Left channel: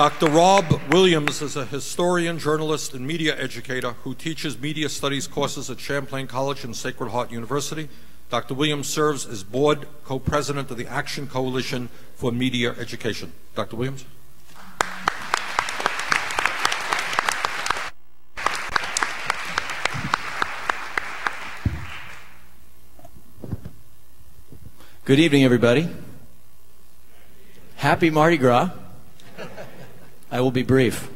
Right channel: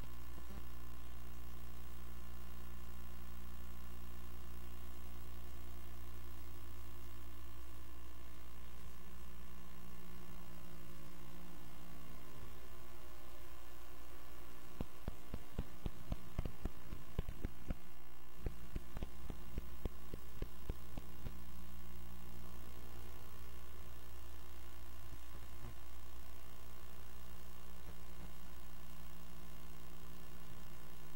Dr. Rob Williams is a historian, journalist, and media educator who teaches media studies courses at Champlain College and Sacred Heart University. Dr. Williams serves as board co-president of the Action Coalition for Media Education. Dr. Williams. Good evening, everybody. Happy Mardi Gras. I will be brief.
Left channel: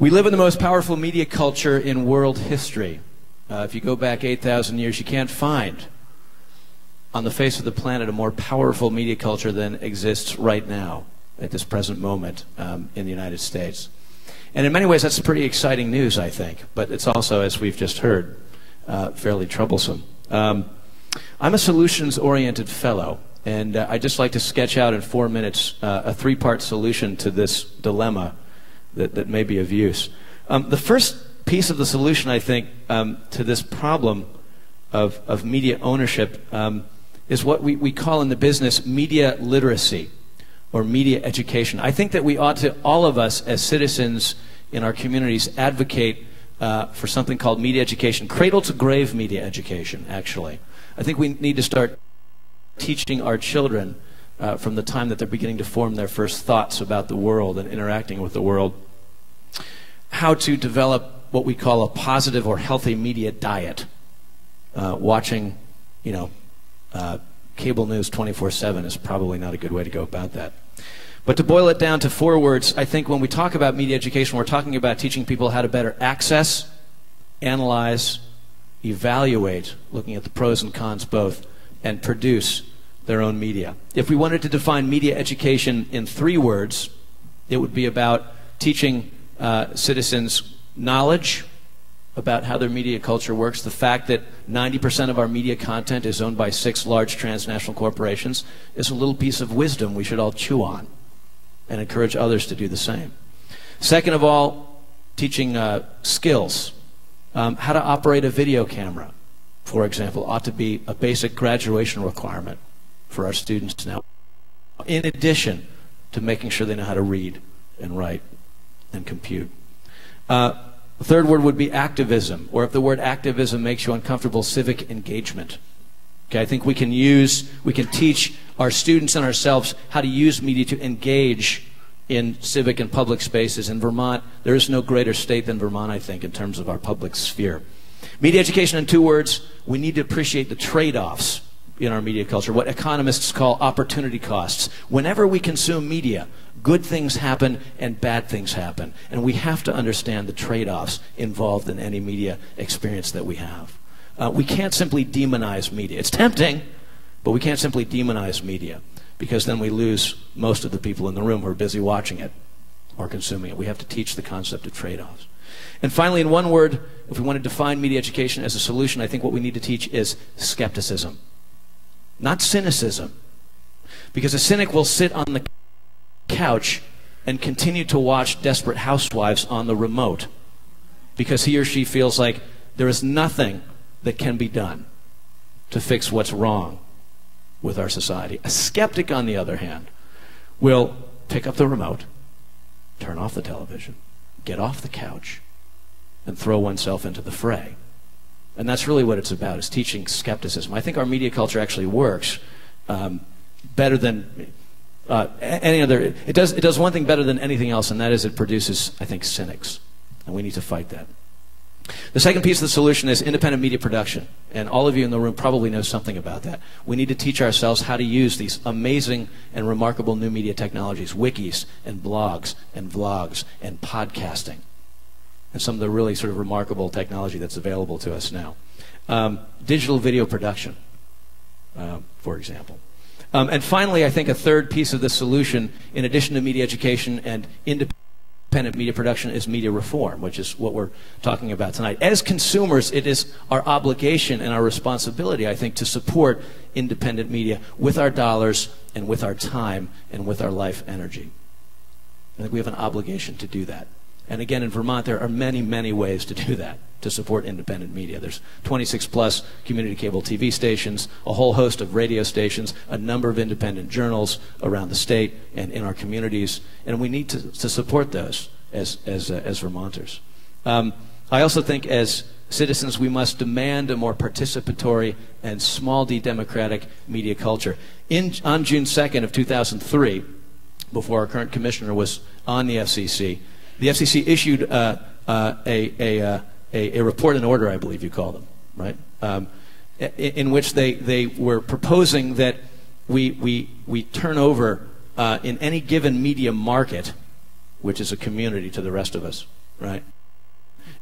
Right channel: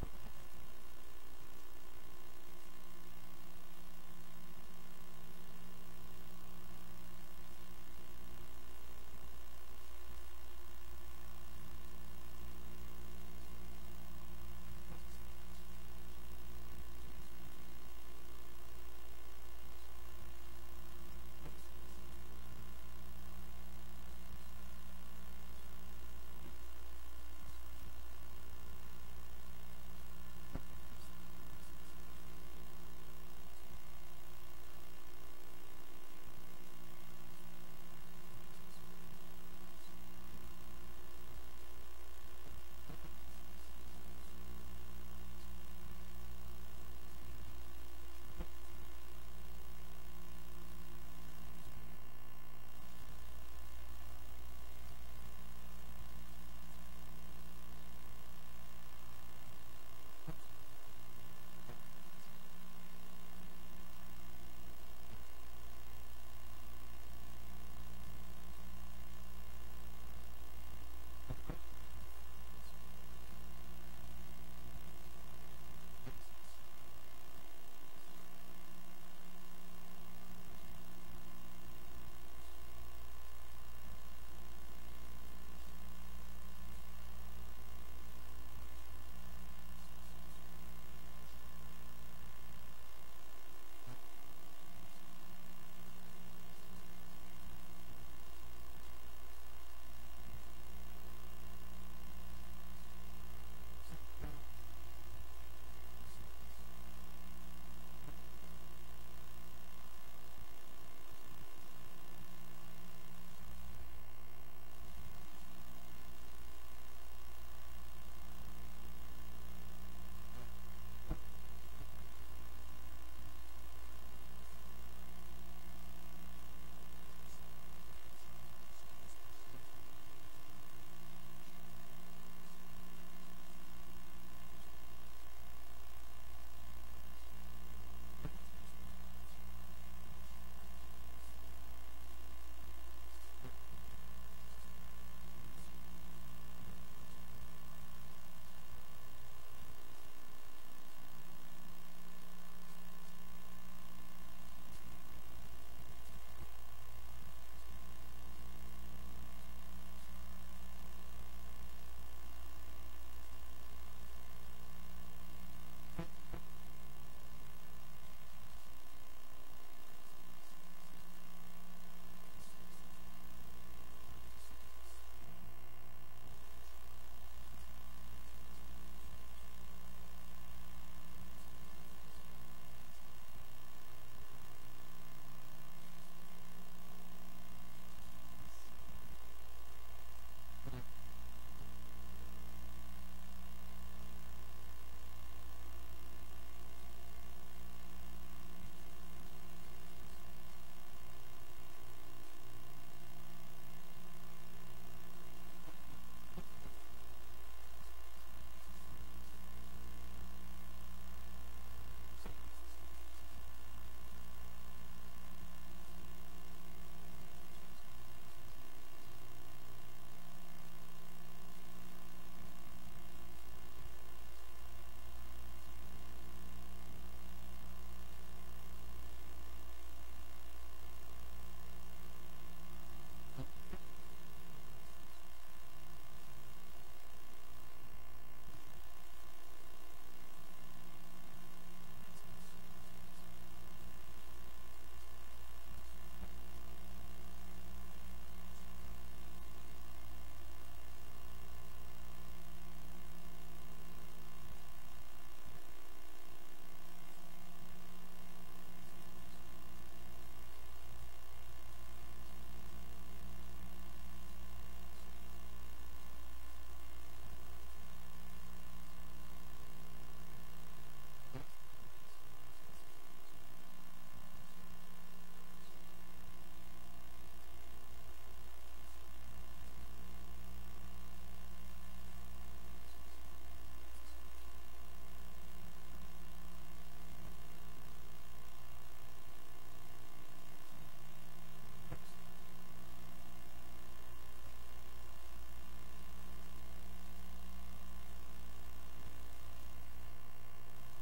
We live in the most powerful media culture in world history. If you go back 8,000 years, you can't find on the face of the planet a more powerful media culture than exists right now at this present moment in the United States. And in many ways, that's pretty exciting news, I think. But it's also, as we've just heard, fairly troublesome. I'm a solutions-oriented fellow, and I'd just like to sketch out in 4 minutes a three-part solution to this dilemma that may be of use. The first piece of the solution, I think, to this problem of media ownership is what we call in the business media literacy or media education. I think that we ought to, all of us as citizens in our communities, advocate for something called media education, cradle-to-grave media education, actually. I think we need to start teaching our children from the time that they're beginning to form their first thoughts about the world and interacting with the world, how to develop what we call a positive or healthy media diet. Watching, cable news 24/7 is probably not a good way to go about that. But to boil it down to 4 words, I think when we talk about media education, we're talking about teaching people how to better access, analyze, evaluate, looking at the pros and cons both, and produce their own media. If we wanted to define media education in 3 words, it would be about teaching citizens knowledge about how their media culture works. The fact that 90% of our media content is owned by 6 large transnational corporations is a little piece of wisdom we should all chew on and encourage others to do the same. Second of all, teaching skills. How to operate a video camera, for example, ought to be a basic graduation requirement for our students now, in addition to making sure they know how to read and write and compute. The third word would be activism, or if the word activism makes you uncomfortable, civic engagement. Okay, I think we can teach our students and ourselves how to use media to engage in civic and public spaces. In Vermont, there is no greater state than Vermont, I think, in terms of our public sphere. Media education in 2 words, we need to appreciate the trade-offs in our media culture, what economists call opportunity costs. Whenever we consume media, good things happen and bad things happen. And we have to understand the trade-offs involved in any media experience that we have. We can't simply demonize media. It's tempting, but we can't simply demonize media, because then we lose most of the people in the room who are busy watching it or consuming it. We have to teach the concept of trade-offs. And finally, in 1 word, if we want to define media education as a solution, I think what we need to teach is skepticism, not cynicism. Because a cynic will sit on the couch and continue to watch Desperate Housewives on the remote because he or she feels like there is nothing that can be done to fix what's wrong with our society. A skeptic, on the other hand, will pick up the remote, turn off the television, get off the couch, and throw oneself into the fray. And that's really what it's about, is teaching skepticism. I think our media culture actually works better than any other. It does one thing better than anything else, and that is it produces, I think, cynics. And we need to fight that. The second piece of the solution is independent media production, and all of you in the room probably know something about that. We need to teach ourselves how to use these amazing and remarkable new media technologies, wikis and blogs and vlogs and podcasting, and some of the really sort of remarkable technology that's available to us now. Digital video production, for example. And finally, I think a third piece of the solution, in addition to media education and independent media production, is media reform, which is what we're talking about tonight. As consumers, it is our obligation and our responsibility, I think, to support independent media with our dollars and with our time and with our life energy. I think we have an obligation to do that. And again, in Vermont, there are many, many ways to do that. to support independent media. There's 26 plus community cable TV stations, a whole host of radio stations, a number of independent journals around the state and in our communities, and we need to support those as Vermonters. I also think as citizens we must demand a more participatory and small d democratic media culture. On June 2nd of 2003, before our current commissioner was on the FCC issued a report and order, I believe you call them, right? In which they were proposing that we turn over in any given media market, which is a community to the rest of us, right?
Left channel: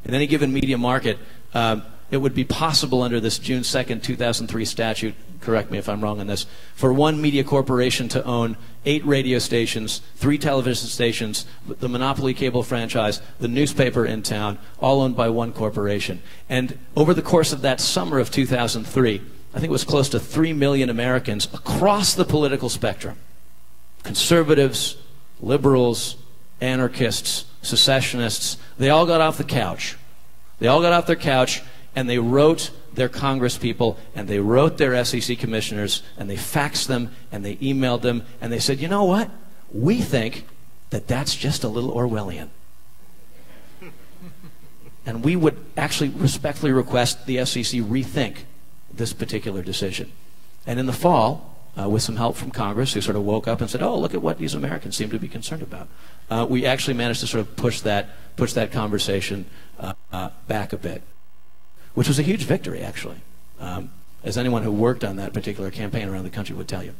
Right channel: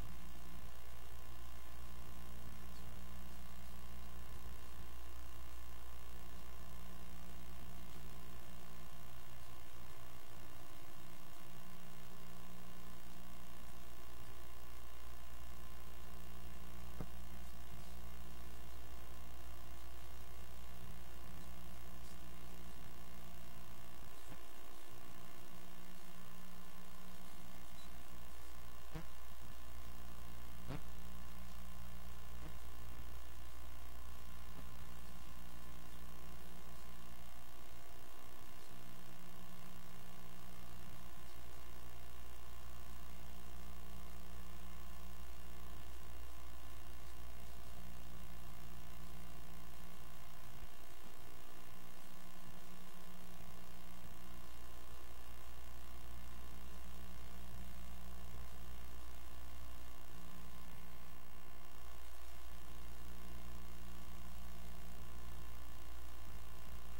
In any given media market, it would be possible under this June 2nd, 2003 statute, correct me if I'm wrong on this, for one media corporation to own 8 radio stations, 3 television stations, the monopoly cable franchise, the newspaper in town, all owned by one corporation. And over the course of that summer of 2003, I think it was close to 3 million Americans across the political spectrum, conservatives, liberals, anarchists, secessionists, they all got off the couch. They all got off their couch and they wrote their congresspeople and they wrote their FCC commissioners and they faxed them and they emailed them and they said, you know what? We think that that's just a little Orwellian. And we would actually respectfully request the FCC rethink this particular decision. And in the fall, with some help from Congress, who sort of woke up and said, oh, look at what these Americans seem to be concerned about, we actually managed to sort of push that conversation back a bit, which was a huge victory, actually, as anyone who worked on that particular campaign around the country would tell you.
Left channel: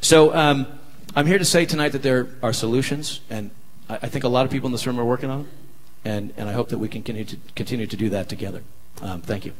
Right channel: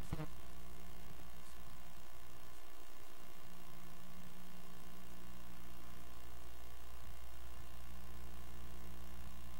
So I'm here to say tonight that there are solutions, and I think a lot of people in this room are working on them, and I hope that we can continue to do that together. Thank you.